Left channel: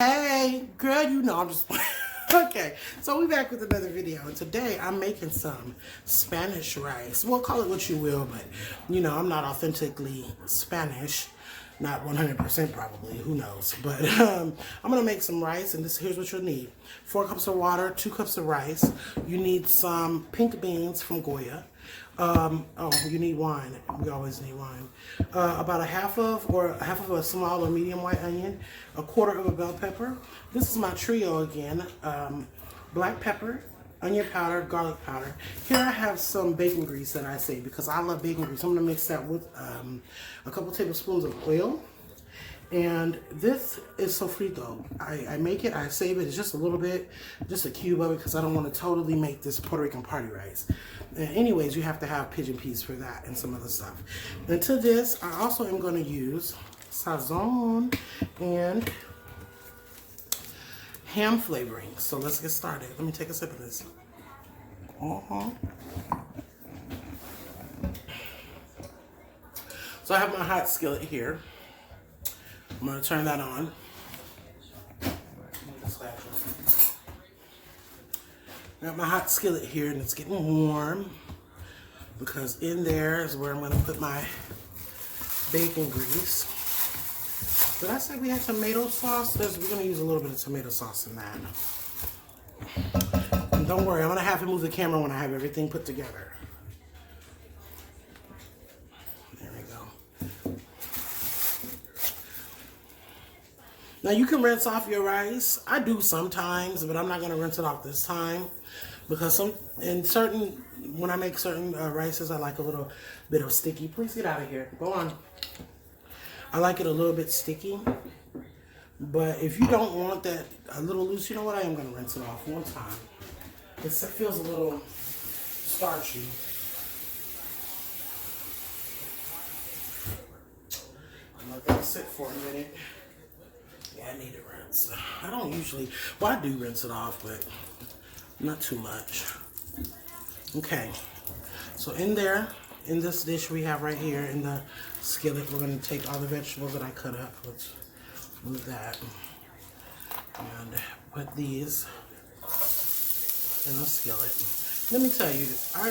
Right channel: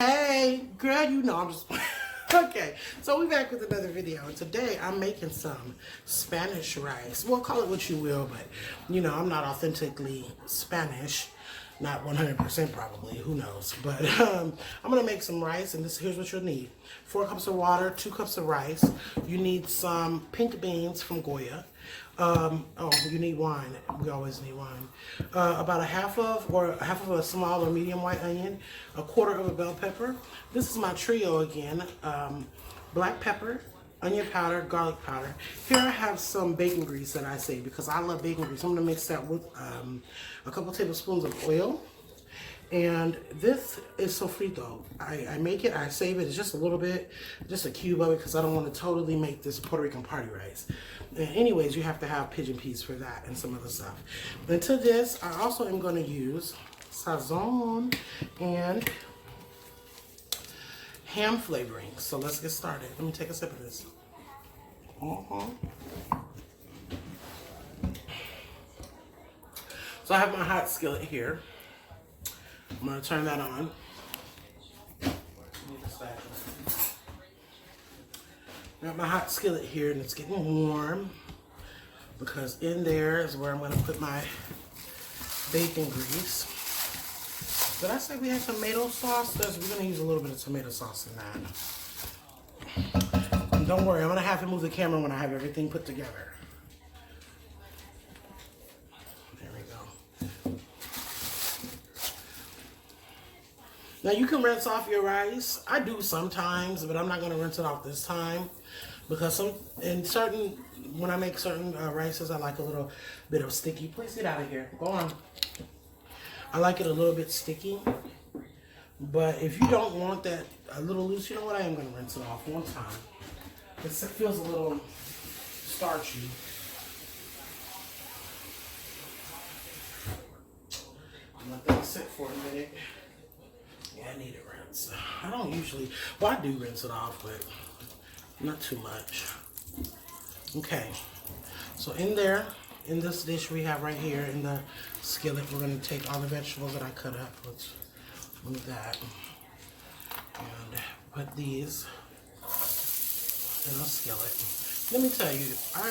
Hey, girl, you know I'm just okay. So we're back with another video. Today I'm making some Spanish rice. Well, call it what you will, but you know I'm not authentically Spanish, not 100% probably. Who knows? But I'm gonna make some rice, and here's what you'll need: 4 cups of water, 2 cups of rice. You need some pink beans from Goya. You need wine. We always need wine. About a half of a small or medium white onion, a quarter of a bell pepper. This is my trio again. Black pepper, onion powder, garlic powder. Here I have some bacon grease that I save because I love bacon grease. I'm gonna mix that with a couple tablespoons of oil. And this is sofrito. I make it, I save it, it's just a little bit, just a cube of it because I don't want to totally make this Puerto Rican party rice. And anyways, you have to have pigeon peas for that and some other stuff. And to this, I also am going to use sazon and ham flavoring. So let's get started. Let me take a sip of this. So I have my hot skillet here. I'm going to turn that on. Got my hot skillet here and it's getting warm because in there is where I'm going to put my bacon grease. Did I say we have tomato sauce? We're going to use a little bit of tomato sauce in that. And don't worry, I'm going to have to move the camera when I have everything put together. Now you can rinse off your rice. I do sometimes, but I'm not going to rinse it off this time because when I make certain rices, I like a little bit of sticky. Please get out of here. Go on. I like it a little bit sticky, but if you don't want that a little loose, you know what? I am going to rinse it off one time. It feels a little starchy. I'm not going to sit for a minute. I need a rinse. I don't usually, well, I do rinse it off, but not too much. Okay, so in this dish we have right here in the skillet, we're going to take all the vegetables that I cut up. Let's move that. And put these in the skillet. Let me tell you, I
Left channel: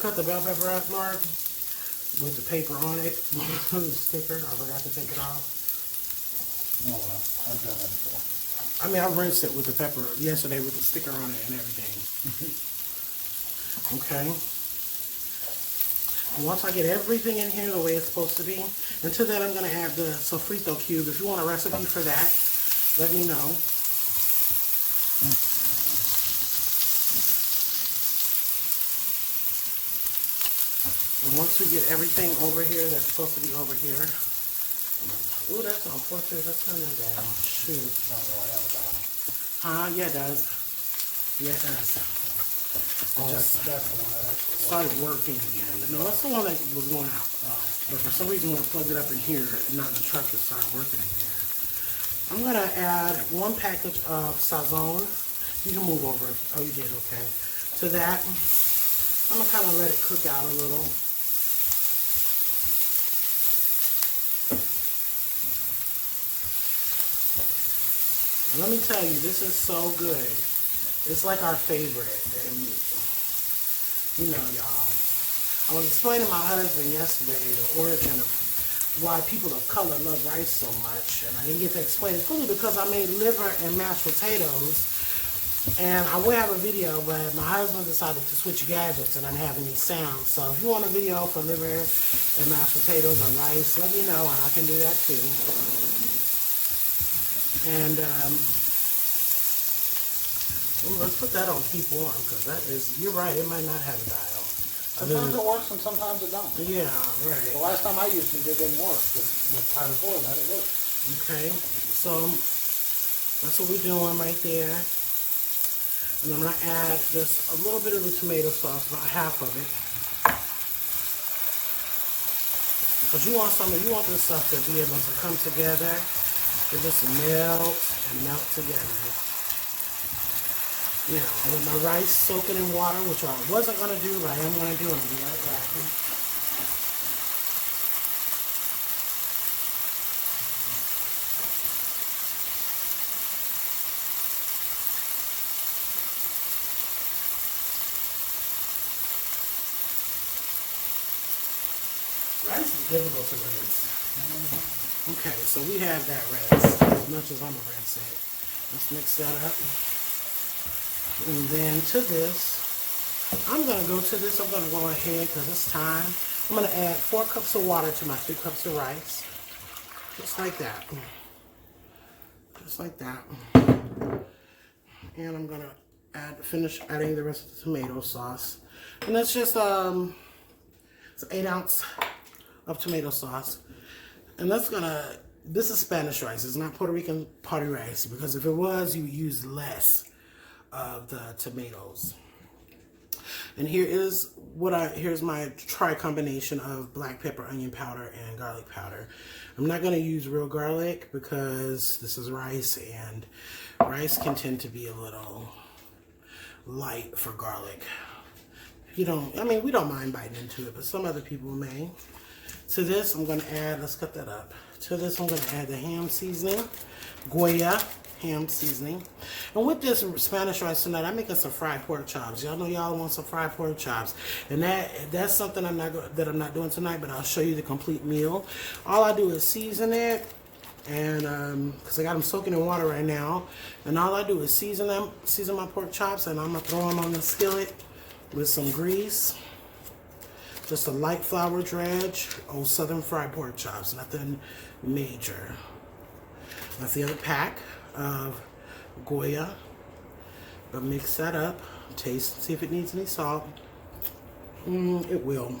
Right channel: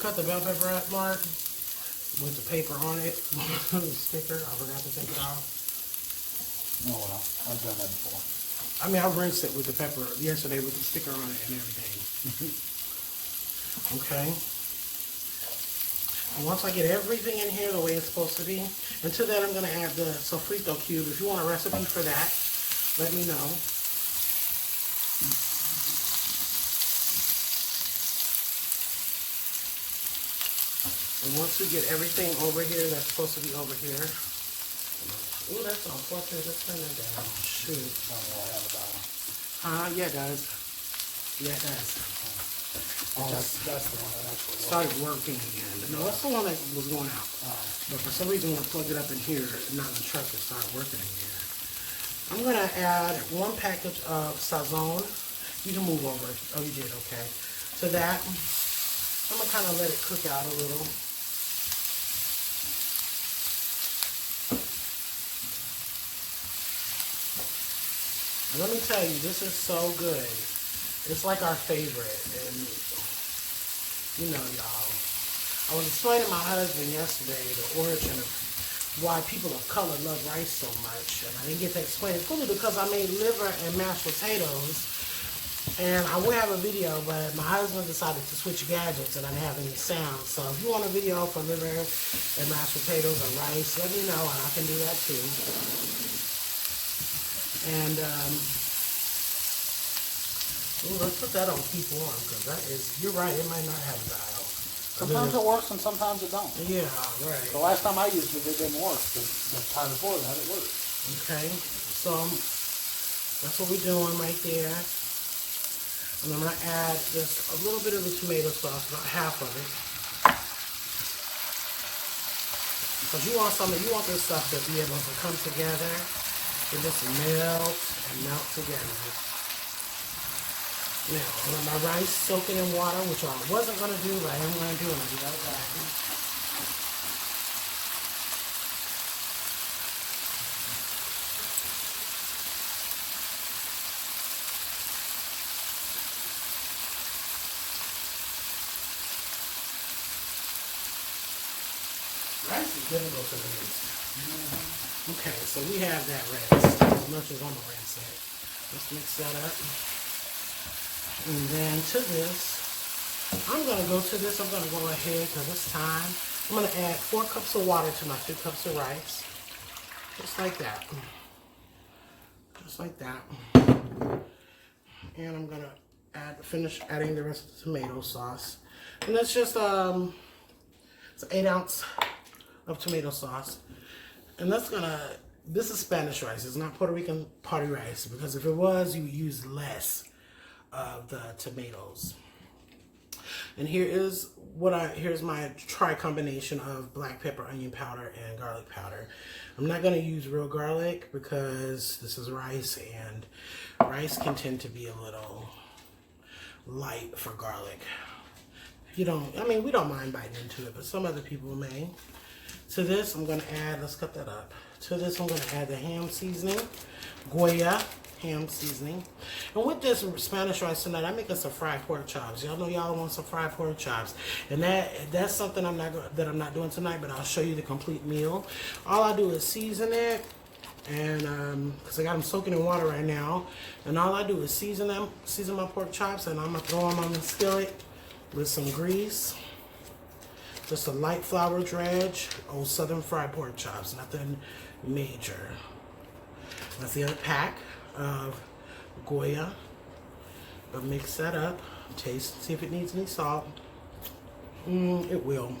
cut the bell pepper up, Mark, with the paper on it, the sticker. I forgot to take it off. Oh, well, I've done that before. I mean, I rinsed it with the pepper yesterday with the sticker on it and everything. Okay. And once I get everything in here the way it's supposed to be, and to that I'm going to add the sofrito cube. If you want a recipe for that, let me know. And once you get everything over here that's supposed to be over here, ooh, that's unfortunate. Let's turn that down. Shoot. Yeah, it does. Yeah, it does. Oh, that's the one that actually started working again. No, that's the one that was going out. But for some reason, when I plugged it up in here, not in the truck, it started working again. I'm going to add 1 package of sazon. You can move over. Oh, you did, okay. To that, I'm going to kind of let it cook out a little. Let me tell you, this is so good. It's like our favorite. And, you know, y'all, I was explaining to my husband yesterday the origin of why people of color love rice so much. And I didn't get to explain it fully because I made liver and mashed potatoes. And I will have a video, but my husband decided to switch gadgets and I'm having these sounds. So if you want a video for liver and mashed potatoes and rice, let me know and I can do that too. And let's put that on keep warm because that is, you're right, it might not have a dial. Sometimes it works and sometimes it don't. Yeah, right. The last time I used it, it didn't work. The time before that, it worked. Okay, so that's what we're doing right there. And I'm going to add just a little bit of the tomato sauce, about half of it. Because you want this stuff to be able to come together. It just melt together. Yeah, and then my rice soaking in water, which I wasn't going to do, but I am going to do. I'm going to be right back. rice is difficult to rinse. Okay, so we have that rice. As much as I'm gonna rinse it. Let's mix that up. And then to this, I'm gonna go ahead because it's time. I'm gonna add 4 cups of water to my 3 cups of rice. Just like that. Just like that. And I'm gonna finish adding the rest of the tomato sauce. And that's just it's 1 ounce of tomato sauce. And this is Spanish rice. It's not Puerto Rican party rice, because if it was, you would use less of the tomatoes. And here's my combination of black pepper, onion powder, and garlic powder. I'm not going to use real garlic because this is rice, and rice can tend to be a little light for garlic. We don't mind biting into it, but some other people may. To this, I'm going to add, let's cut that up. To this, I'm going to add the ham seasoning, Goya ham seasoning. And with this Spanish rice tonight, I'm making some fried pork chops. Y'all know y'all want some fried pork chops. And that's something I'm not doing tonight, but I'll show you the complete meal. All I do is season it, and because I got them soaking in water right now. And all I do is season my pork chops, and I'm going to throw them on the skillet with some grease. Just a light flour dredge, old Southern fried pork chops, nothing major. That's the other pack of Goya. But mix that up, taste, see if it needs any salt. It will.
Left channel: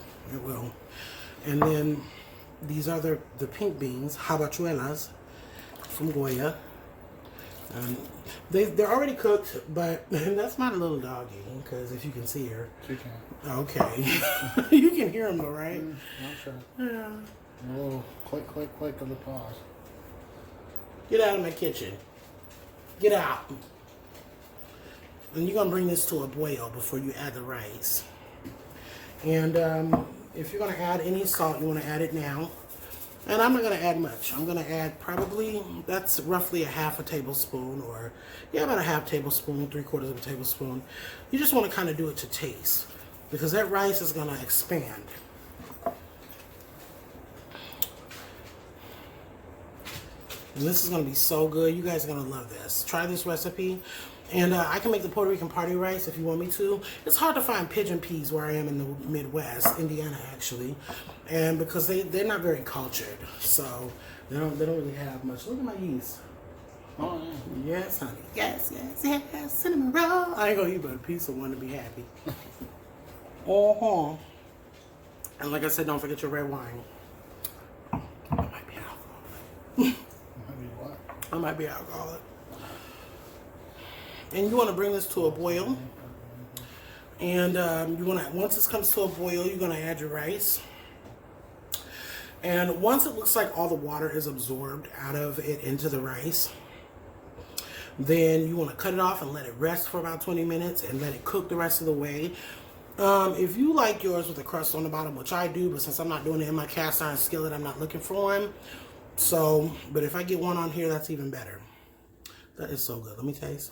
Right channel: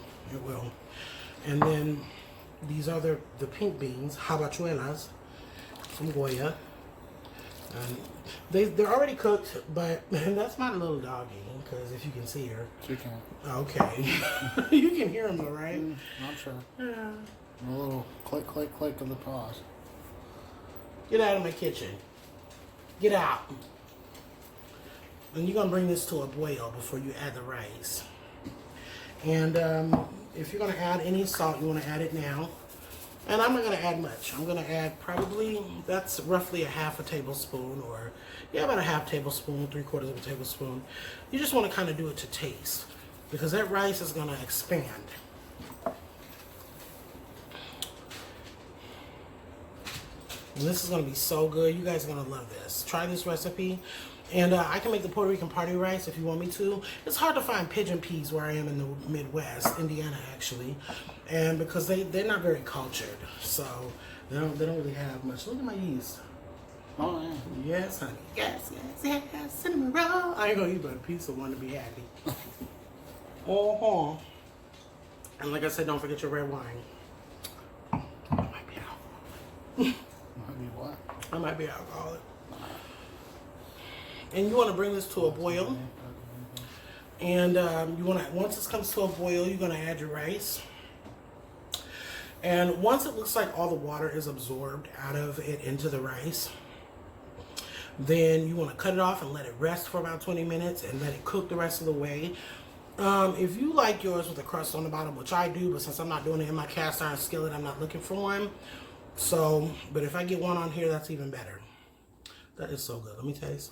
And then these are the pink beans, habachuelas from Goya. They're already cooked, but that's my little doggy, because if you can see her. She can. Okay. You can hear them though, right? I'm sure. Yeah. A little click, click, click of the paws. Get out of my kitchen. Get out. And you're going to bring this to a boil before you add the rice. And if you're going to add any salt, you want to add it now. And I'm not going to add much. I'm going to add that's roughly a half a tablespoon, or about a half tablespoon, 3/4 of a tablespoon. You just want to kind of do it to taste, because that rice is going to expand. And this is going to be so good. You guys are going to love this. Try this recipe. And I can make the Puerto Rican party rice if you want me to. It's hard to find pigeon peas where I am in the Midwest, Indiana actually, and because they're not very cultured, so they don't really have much. Look at my yeast. Oh yeah. Yes, honey. Yes. Cinnamon roll. I ain't gonna eat but a piece of one to be happy. And like I said, don't forget your red wine. I might be alcoholic. I might be alcoholic. And you want to bring this to a boil. And once this comes to a boil, you're going to add your rice. And once it looks like all the water is absorbed out of it into the rice, then you want to cut it off and let it rest for about 20 minutes and let it cook the rest of the way. If you like yours with a crust on the bottom, which I do, but since I'm not doing it in my cast iron skillet, I'm not looking for one. So, but if I get one on here, that's even better. That is so good. Let me taste.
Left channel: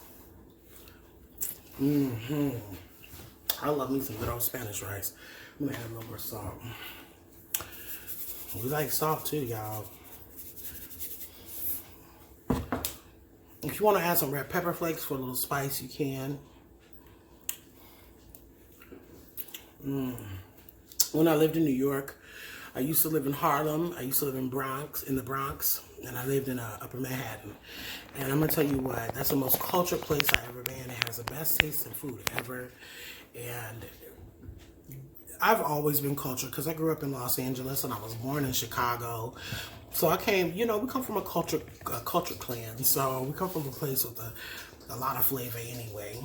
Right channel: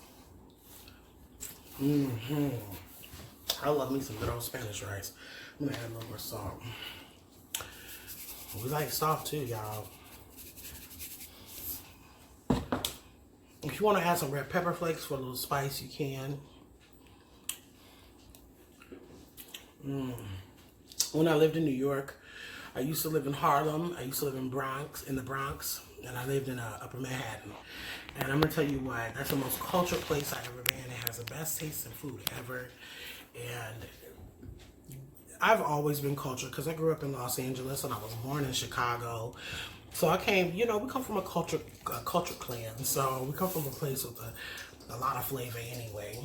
I love me some good old Spanish rice. I'm gonna add a little more salt. We like salt too, y'all. If you want to add some red pepper flakes for a little spice, you can. When I lived in New York, I used to live in Harlem. I used to live in the Bronx, and I lived in Upper Manhattan. And I'm gonna tell you what, that's the most cultured place I've ever been. It has the best tasting food ever. And I've always been cultured because I grew up in Los Angeles and I was born in Chicago. So I came, we come from a cultured clan. So we come from a place with a lot of flavor anyway.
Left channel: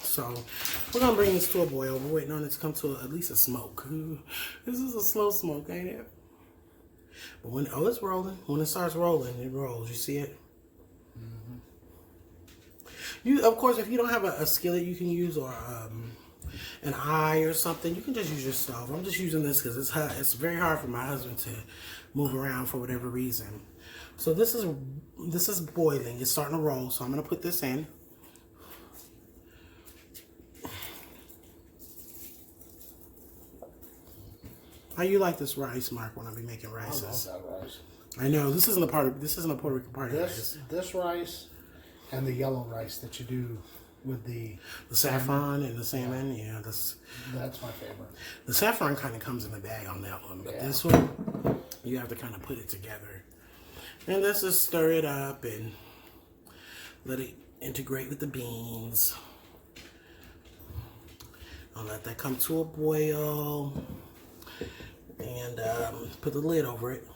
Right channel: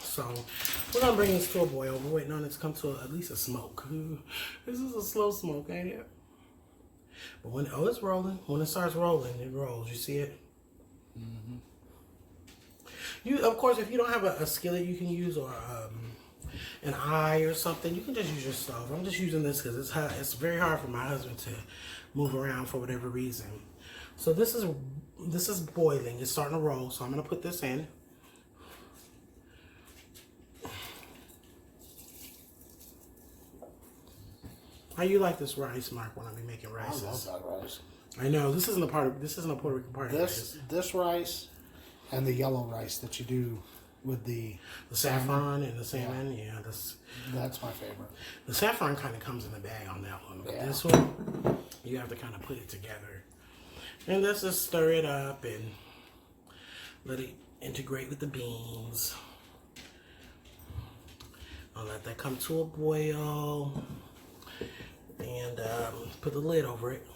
So we're gonna bring this to a boil. We're waiting on it to come to at least a smoke. This is a slow smoke, ain't it? But it's rolling. When it starts rolling, it rolls. You see it? Of course, if you don't have a skillet you can use, or an eye or something, you can just use your stove. I'm just using this because it's very hard for my husband to move around for whatever reason. So this is boiling. It's starting to roll. So I'm going to put this in. How you like this rice, Mark? When I be making I rices, love that rice. I know this isn't a Puerto Rican part of This rice and the yellow rice that you do with the saffron and the salmon. Yeah, that's my favorite. the saffron kind of comes in the bag on that one, but Yeah. this one you have to kind of put it together, and let's just stir it up and let it integrate with the beans. I'll let that come to a boil, and put the lid over it.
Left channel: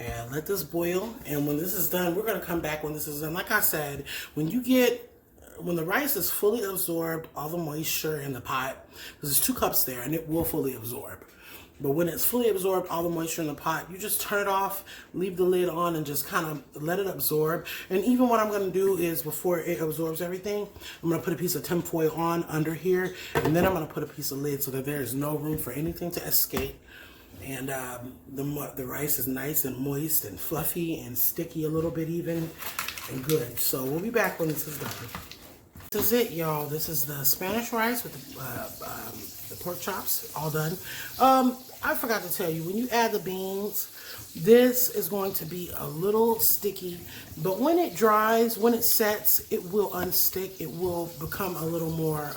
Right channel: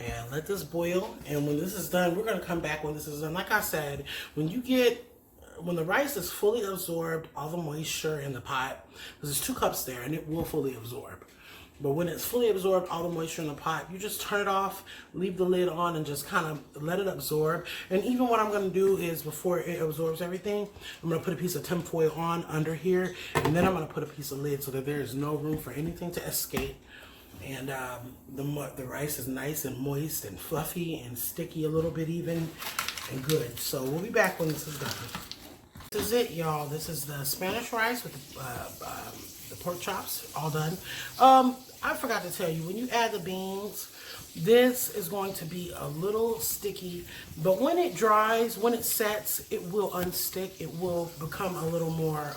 And let this boil. And when this is done, we're going to come back when this is done. Like I said, when the rice is fully absorbed, all the moisture in the pot, because there's 2 cups there, and it will fully absorb. But when it's fully absorbed, all the moisture in the pot, you just turn it off, leave the lid on, and just kind of let it absorb. And even what I'm going to do is, before it absorbs everything, I'm going to put a piece of tin foil on under here, and then I'm going to put a piece of lid so that there is no room for anything to escape. And the rice is nice and moist and fluffy and sticky a little bit even, and good. So we'll be back when this is done. This is it, y'all. This is the Spanish rice with the pork chops, all done. I forgot to tell you, when you add the beans, this is going to be a little sticky, but when it dries, when it sets, it will unstick. It will become a little more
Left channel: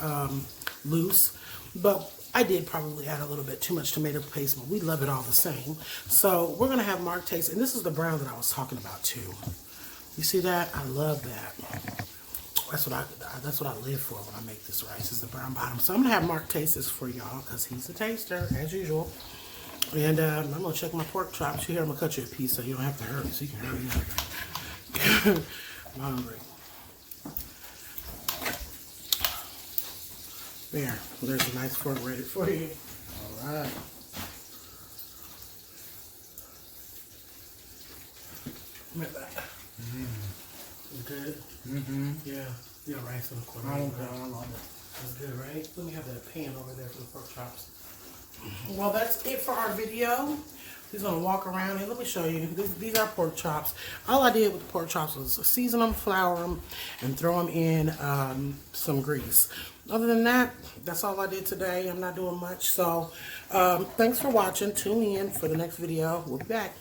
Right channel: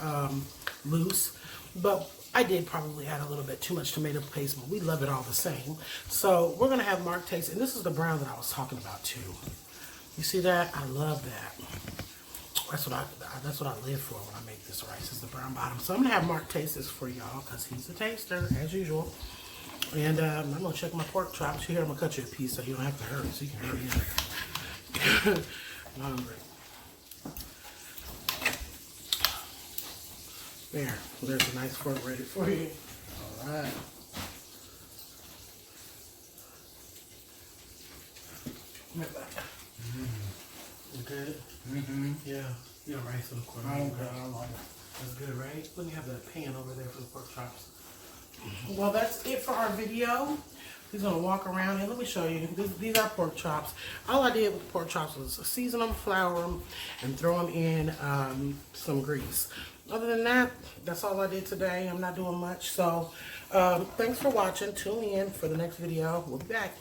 loose, but I did probably add a little bit too much tomato paste, but we love it all the same. So we're going to have Mark taste, and this is the brown that I was talking about too. You see that? I love that. That's what I live for when I make this rice, is the brown bottom. So I'm going to have Mark taste this for y'all, because he's a taster, as usual. And I'm going to check my pork chops. Here, I'm going to cut you a piece so you don't have to hurry, so you can hurry up. I'm hungry. There's a nice fork ready for you. All right. Come back. You good? Mm-hmm. Yeah. You got rice in the corner. I Right? love it. That's good, right? Let me have the pan over there for the pork chops. Well, that's it for our video. He's gonna walk around and let me show you. These are pork chops. All I did with pork chops was season them, flour them, and throw them in some grease. Other than that, that's all I did today. I'm not doing much. So, thanks for watching. Tune in for the next video. We'll be back.